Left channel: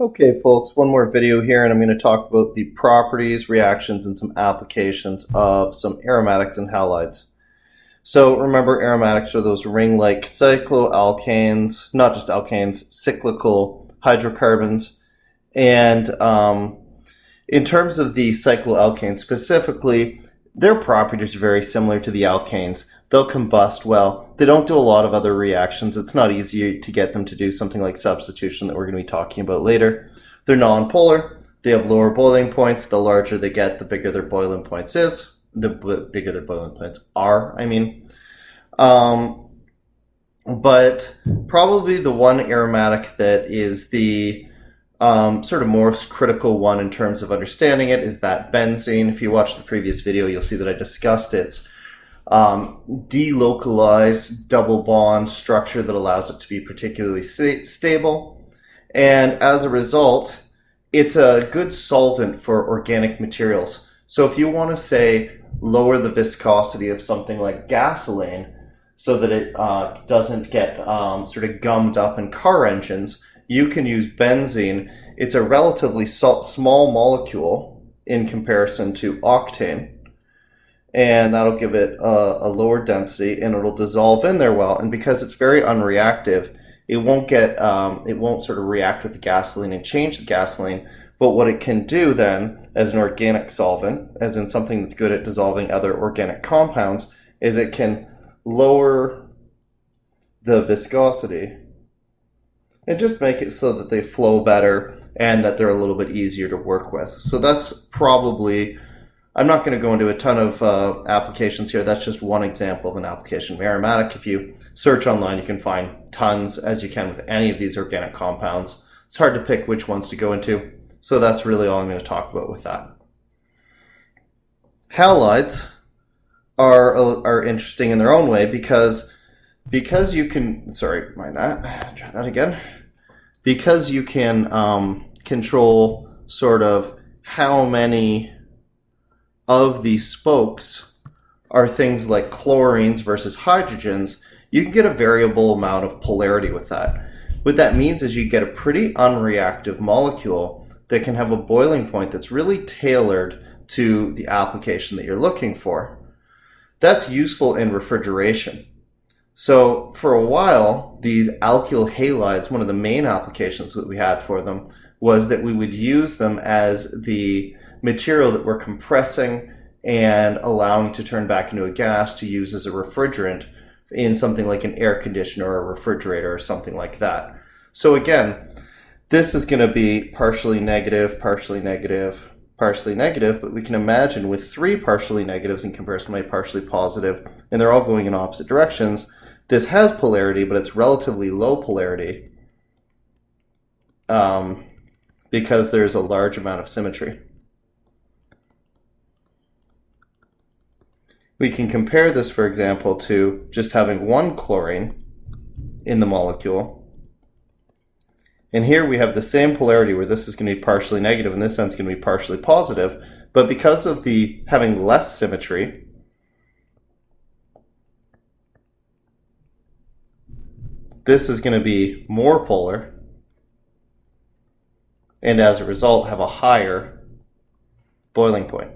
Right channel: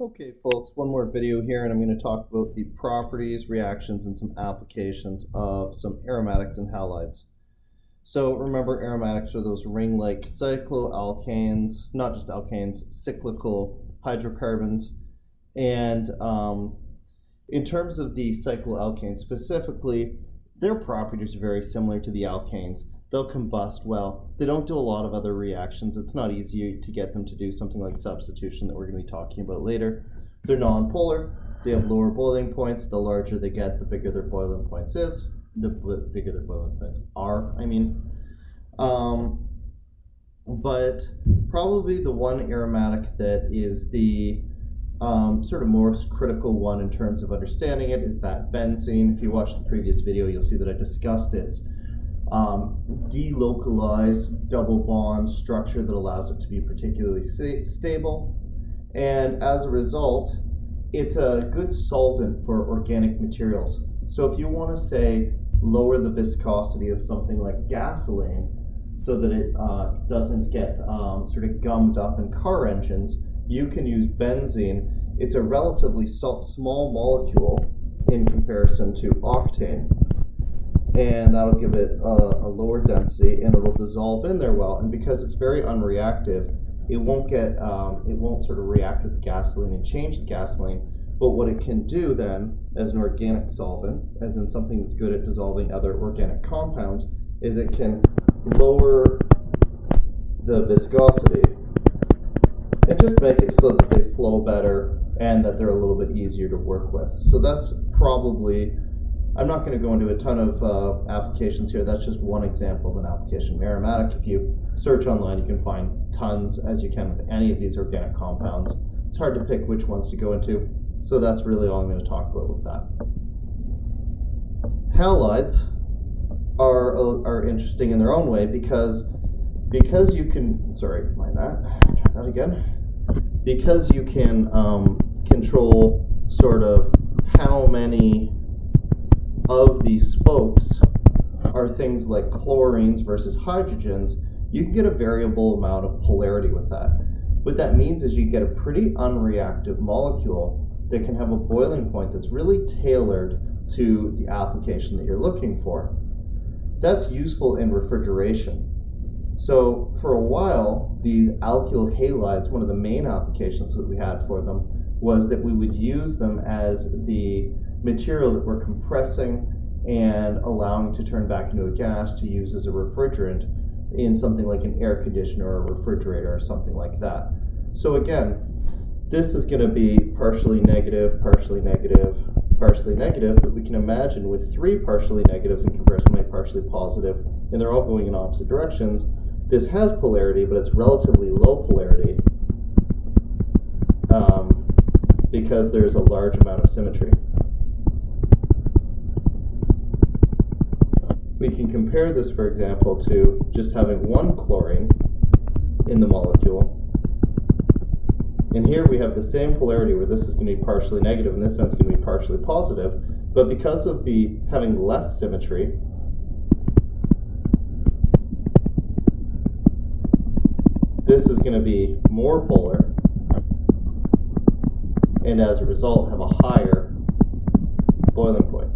Okay, folks, one more video here, and I'm going to talk about the properties, reactions, and some applications of some aromatics and halides. So remember, aromatics are those ring-like cycloalkanes, not just alkanes, cyclical hydrocarbons. And in terms of the cycloalkanes specifically, their properties are very similar to the alkanes. They'll combust well. They don't do a lot of other reactions. It's not easy to get them to do something like substitution that we're going to be talking about later. They're nonpolar. They have lower boiling points. The larger they get, the bigger their boiling points is. The bigger their boiling points are, I mean. But probably the one aromatic that is the sort of most critical one in terms of understanding it is that benzene. If you watch the previous video, you'll see that I discussed its delocalized double bond structure that allows it to be particularly stable, and as a result it's a good solvent for organic materials. So if you want to say lower the viscosity of something like gasoline so that it doesn't get sort of gummed up in car engines, you can use benzene. It's a relatively small molecule in comparison to octane, and that'll give it a lower density, and it'll dissolve in there well. And because it's very unreactive, it won't sort of react with the gasoline and change the gasoline. But what it can do then, as an organic solvent, as in something that's good at dissolving other organic compounds, is it can lower the viscosity and just make it so that they flow better and that they're a little bit easier to work with. So that's probably, I'm not going to go into a ton of applications here. That's just one example of an application of aromatic. If you search online, you can find tons, as you can with any of these organic compounds. It's hard to pick which ones to go into, so that's really all I'm going to talk about with that. Halides are interesting in their own way because you can, sorry, mind that, try that again. Because you can control sort of how many of these spokes are things like chlorines versus hydrogens, you can get a variable amount of polarity with that. What that means is you get a pretty unreactive molecule that can have a boiling point that's really tailored to the application that you're looking for. That's useful in refrigeration. So for a while, these alkyl halides, one of the main applications that we had for them was that we would use them as the material that we're compressing and allowing to turn back into a gas to use as a refrigerant in something like an air conditioner or a refrigerator or something like that. So again, this is going to be partially negative, partially negative, partially negative, but we can imagine with three partially negatives in comparison to a partially positive, and they're all going in opposite directions, this has polarity, but it's relatively low polarity because there's a large amount of symmetry. We can compare this, for example, to just having one chlorine in the molecule. And here we have the same polarity where this is going to be partially negative and this one's going to be partially positive. But because of the having less symmetry, this is going to be more polar, and as a result have a higher boiling point.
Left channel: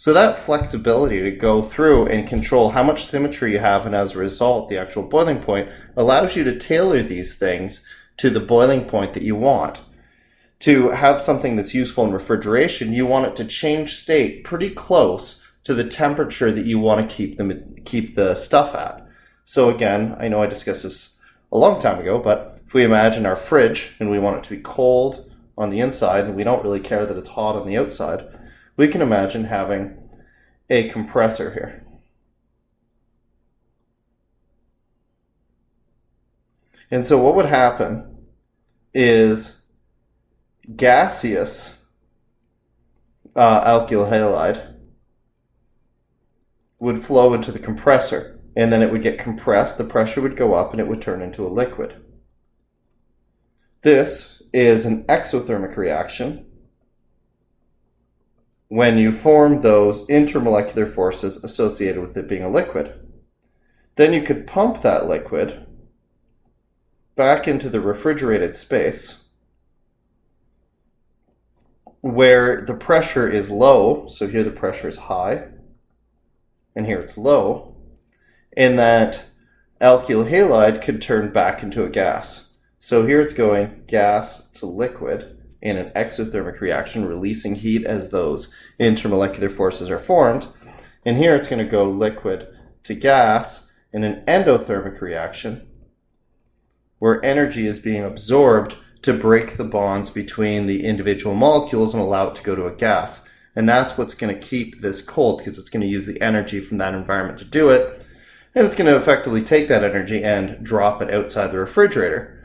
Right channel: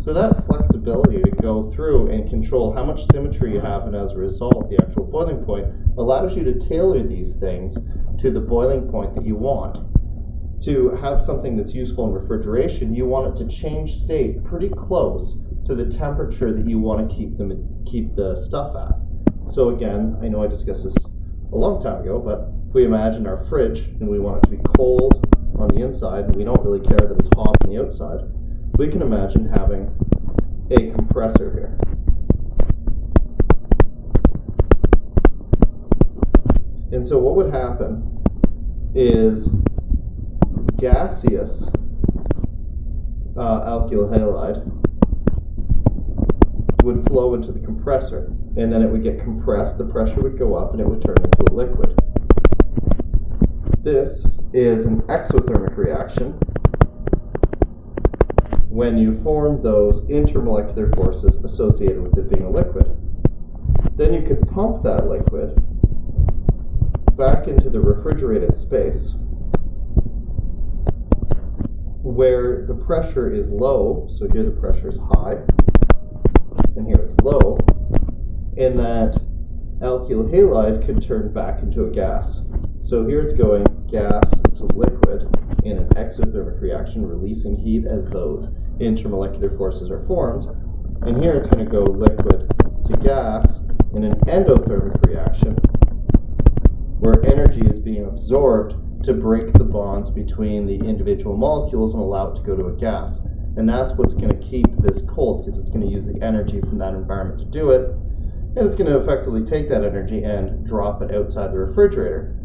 So that flexibility to go through and control how much symmetry you have, and as a result the actual boiling point, allows you to tailor these things to the boiling point that you want. To have something that's useful in refrigeration, you want it to change state pretty close to the temperature that you want to keep the stuff at. So again, I know I discussed this a long time ago, but if we imagine our fridge and we want it to be cold on the inside and we don't really care that it's hot on the outside, we can imagine having a compressor here. And so what would happen is gaseous alkyl halide would flow into the compressor, and then it would get compressed, the pressure would go up, and it would turn into a liquid. This is an exothermic reaction when you form those intermolecular forces associated with it being a liquid. Then you could pump that liquid back into the refrigerated space where the pressure is low. So here the pressure is high and here it's low, and that alkyl halide can turn back into a gas. So here it's going gas to liquid in an exothermic reaction, releasing heat as those intermolecular forces are formed. And here it's going to go liquid to gas in an endothermic reaction where energy is being absorbed to break the bonds between the individual molecules and allow it to go to a gas. And that's what's going to keep this cold, because it's going to use the energy from that environment to do it. And it's going to effectively take that energy and drop it outside the refrigerator.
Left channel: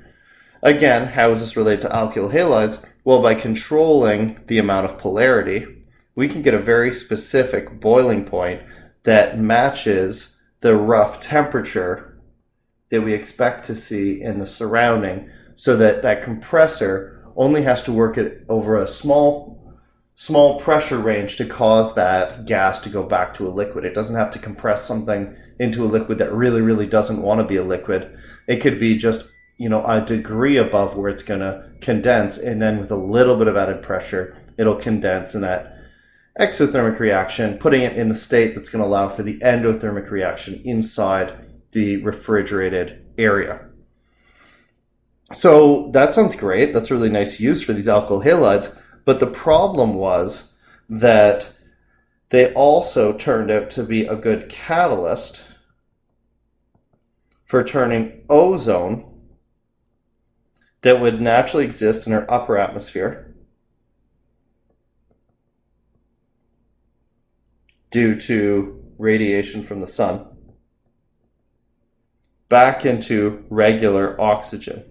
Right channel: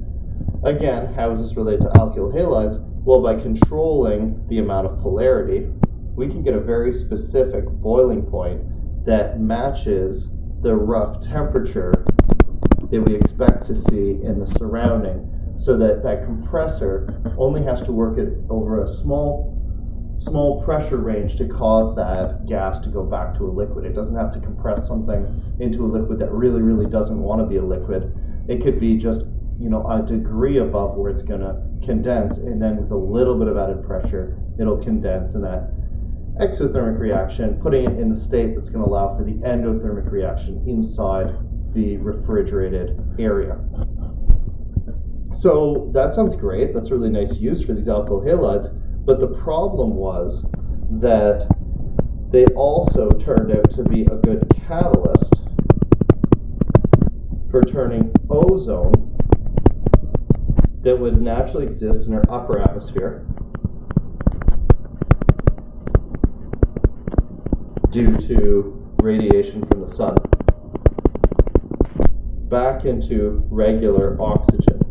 Again, how is this related to alkyl halides? Well, by controlling the amount of polarity, we can get a very specific boiling point that matches the rough temperature that we expect to see in the surrounding, so that that compressor only has to work it over a small pressure range to cause that gas to go back to a liquid. It doesn't have to compress something into a liquid that really, really doesn't want to be a liquid. It could be just, a degree above where it's going to condense, and then with a little bit of added pressure, it'll condense in that exothermic reaction, putting it in the state that's going to allow for the endothermic reaction inside the refrigerated area. So that sounds great. That's a really nice use for these alkyl halides. But the problem was that they also turned out to be a good catalyst for turning ozone that would naturally exist in our upper atmosphere due to radiation from the sun back into regular oxygen.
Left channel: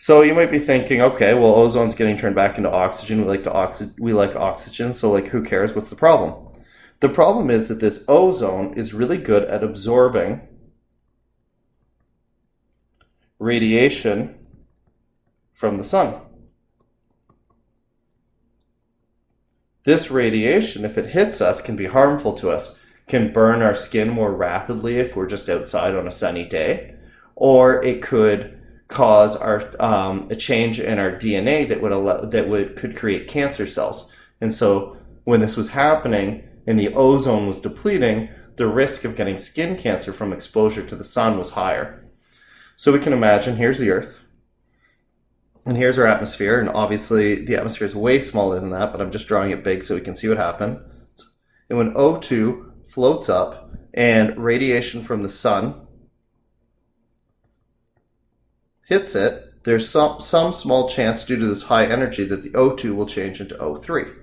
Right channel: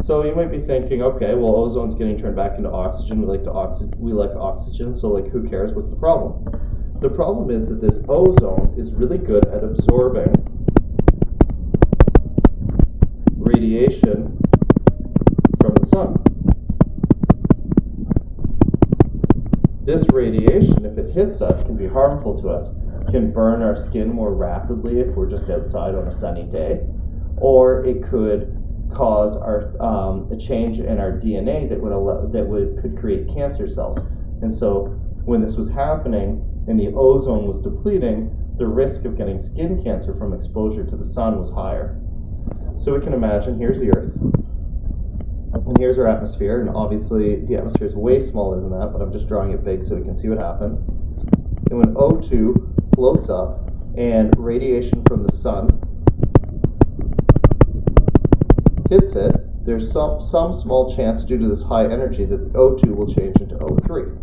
So you might be thinking, okay, well, ozone's getting turned back into oxygen. We like oxygen, so who cares? What's the problem? The problem is that this ozone is really good at absorbing radiation from the sun. This radiation, if it hits us, can be harmful to us, can burn our skin more rapidly if we're just outside on a sunny day, or it could cause a change in our DNA that could create cancer cells. And so when this was happening and the ozone was depleting, the risk of getting skin cancer from exposure to the sun was higher. So we can imagine, here's the Earth, and here's our atmosphere, and obviously the atmosphere is way smaller than that, but I'm just drawing it big so we can see what happened. And when O2 floats up and radiation from the sun hits it, there's some small chance due to this high energy that the O2 will change into O3.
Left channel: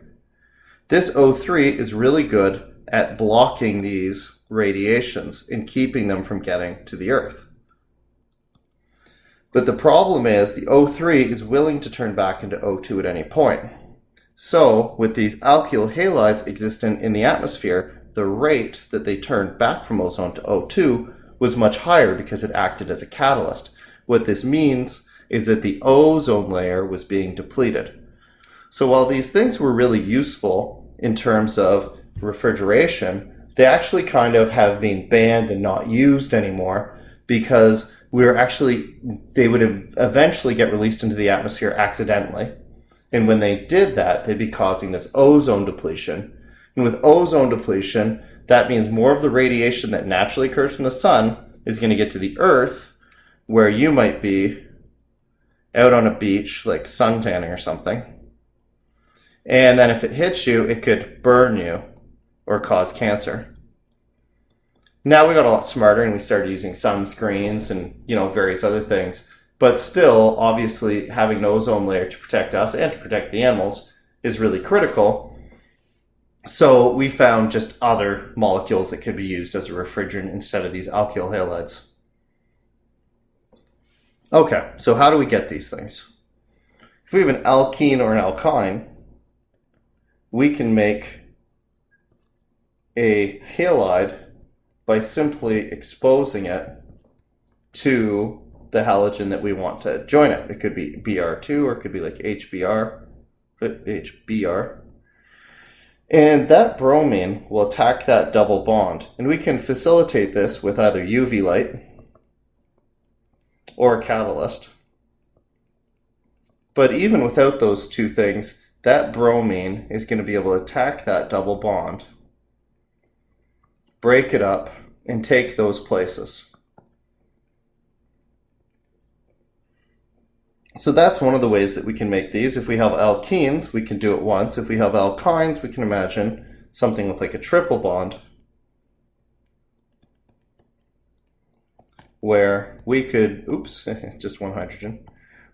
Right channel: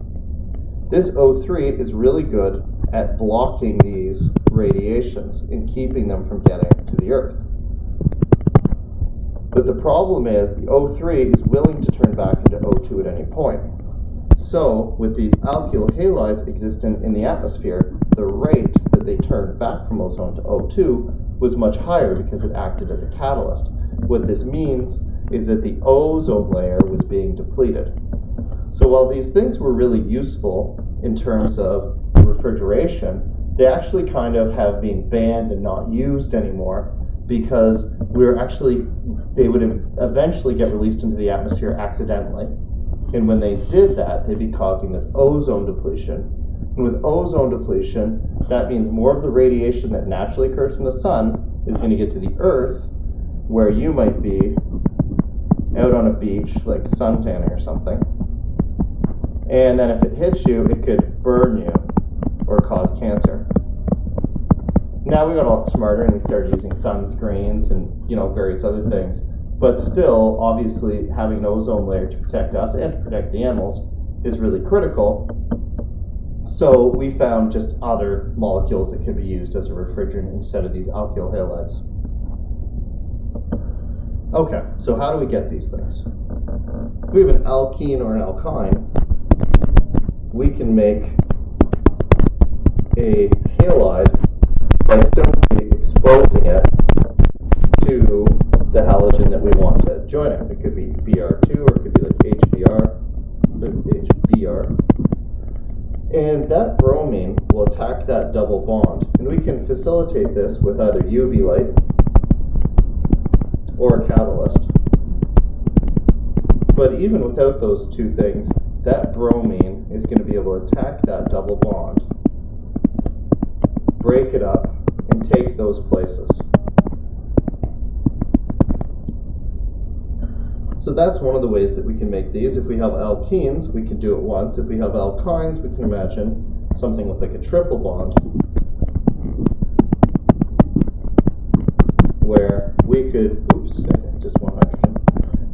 This O3 is really good at blocking these radiations and keeping them from getting to the Earth. But the problem is the O3 is willing to turn back into O2 at any point. So with these alkyl halides existing in the atmosphere, the rate that they turned back from ozone to O2 was much higher because it acted as a catalyst. What this means is that the ozone layer was being depleted. So while these things were really useful in terms of refrigeration, they actually kind of have been banned and not used anymore, because they would eventually get released into the atmosphere accidentally. And when they did that, they'd be causing this ozone depletion. And with ozone depletion, that means more of the radiation that naturally occurs from the sun is going to get to the Earth, where you might be out on a beach, like suntanning or something. And then if it hits you, it could burn you or cause cancer. Now we got a lot smarter and we started using sunscreens and various other things. But still, obviously, having an ozone layer to protect us and to protect the animals is really critical. So we found just other molecules that could be used as a refrigerant instead of these alkyl halides. Okay, so how do we get these things? If we have an alkene or an alkyne, we can make a halide by simply exposing it to the halogen that we want to join it. It could be Br2 or it could be like HBr. And that bromine will attack that double bond. And we can facilitate this with either UV light or a catalyst. But even without those two things, that bromine is going to be able to attack that double bond, break it up, and take those places. So that's one of the ways that we can make these. If we have alkenes, we can do it once. If we have alkynes, we can imagine something with like a triple bond, where we could, just one hydrogen,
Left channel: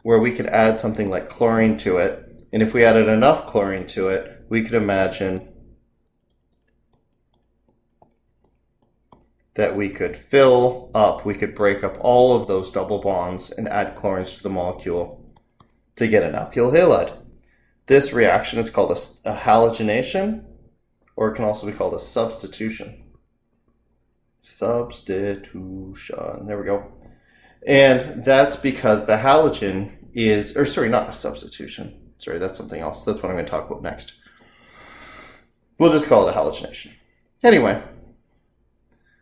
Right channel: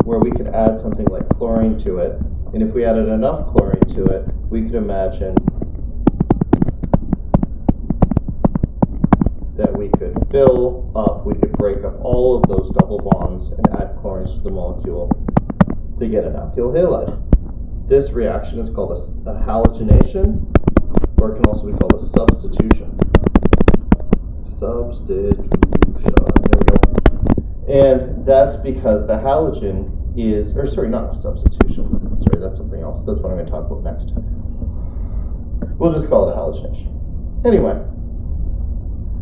where we could add something like chlorine to it. And if we added enough chlorine to it, we could imagine that we could fill up, we could break up all of those double bonds and add chlorines to the molecule to get an alkyl halide. This reaction is called a halogenation, or it can also be called a substitution. Substitution, there we go. And that's because the halogen is, or sorry, not a substitution. Sorry, that's something else. That's what I'm going to talk about next. We'll just call it a halogenation. Anyway,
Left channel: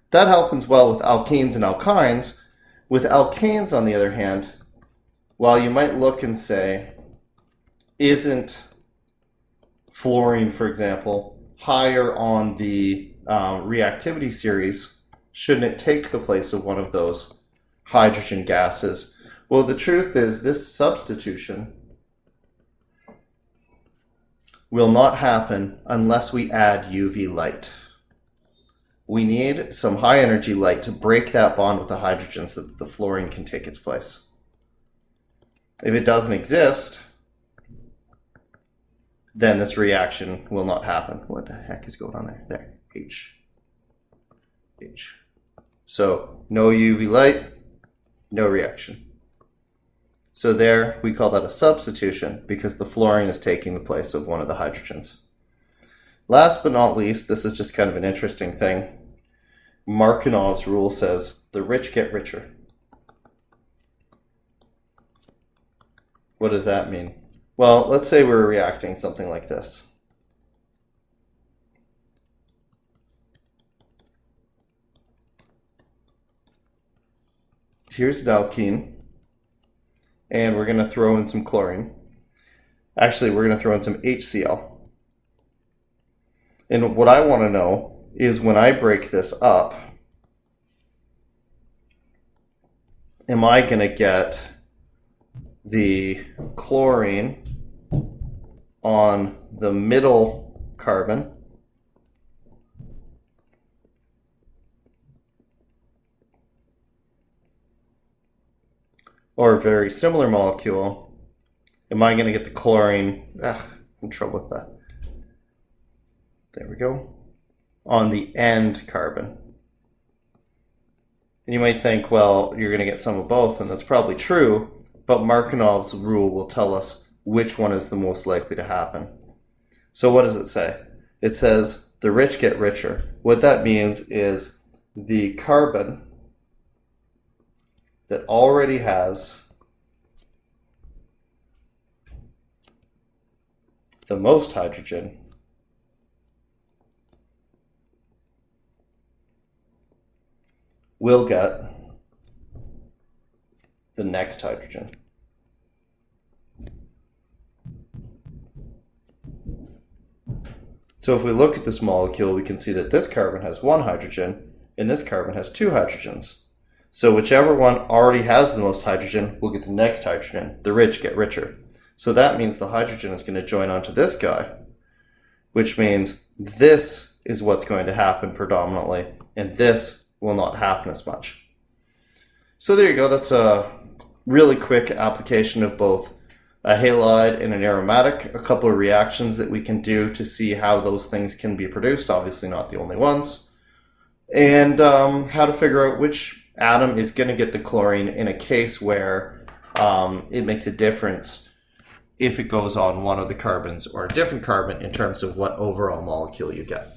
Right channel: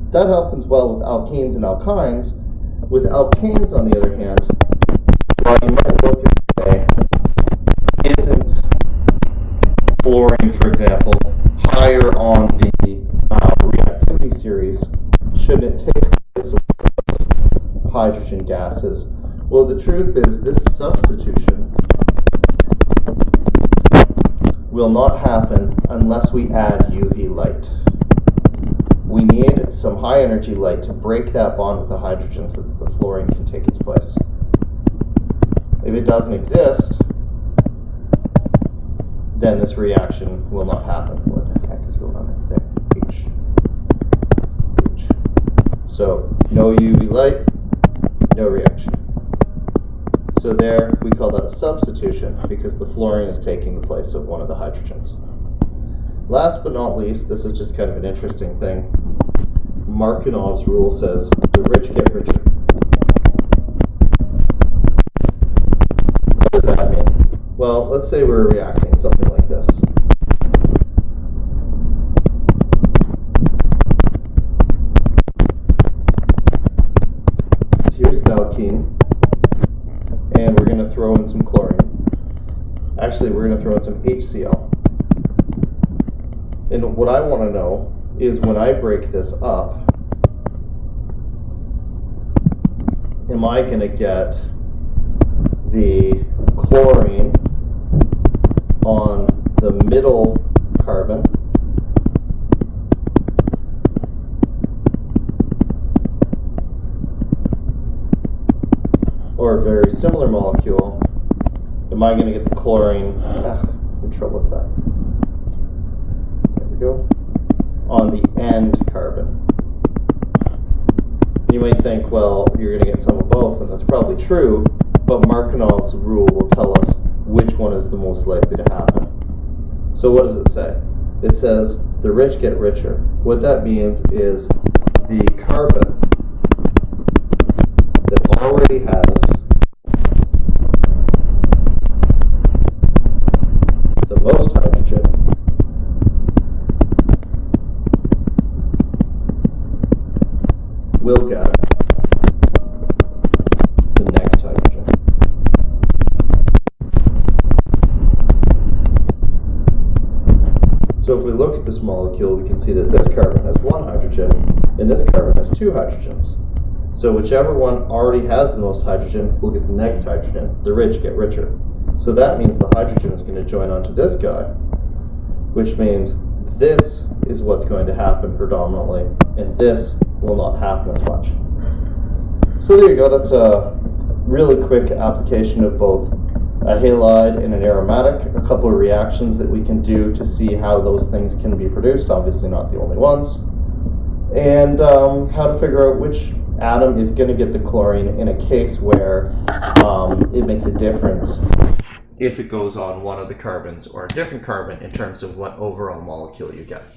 that happens well with alkenes and alkynes. With alkanes, on the other hand, while you might look and say, isn't fluorine, for example, higher on the reactivity series, shouldn't it take the place of one of those hydrogen gases? Well, the truth is this substitution will not happen unless we add UV light. We need some high energy light to break that bond with the hydrogen so that the fluorine can take its place. If it doesn't exist, then this reaction will not happen. What the heck is going on there? There, H. So no UV light, no reaction. So there, we call that a substitution because the fluorine is taking the place of one of the hydrogens. Last but not least, this is just kind of an interesting thing. Markinov's rule says the rich get richer. What does that mean? Well, let's say we're reacting something like this. Here's an alkene, and we're going to throw in some chlorine. Actually, we're going to throw in some HCl. And what I want to know is when I break this up, am I going to get the chlorine on the middle carbon, or a very similar molecule, am I going to get the chlorine, I'm in trouble with that, there we go, on the end carbon? And you might think, well, you're going to get some of both, and that's probably true, but Markinov's rule will tell us which one is the most likely to happen. So what does it say? It says the rich get richer. What that means is the carbon that already has the most hydrogen will get the next hydrogen. So if we look at this molecule, we can see that this carbon has one hydrogen and this carbon has two hydrogens. So whichever one already has the most hydrogen will get the next hydrogen. The rich get richer. So that means the hydrogen is going to join onto this guy, which means this is what's going to happen predominantly, and this will not happen as much. So there you go. That's a really quick application of both a halide and an aromatic, a couple of reactions that we can do to see how those things can be produced, obviously not the only ones, and how to figure out which atom is going to get the chlorine in a case where it makes a difference if it goes on one of the carbons or a different carbon in terms of what overall molecule you get.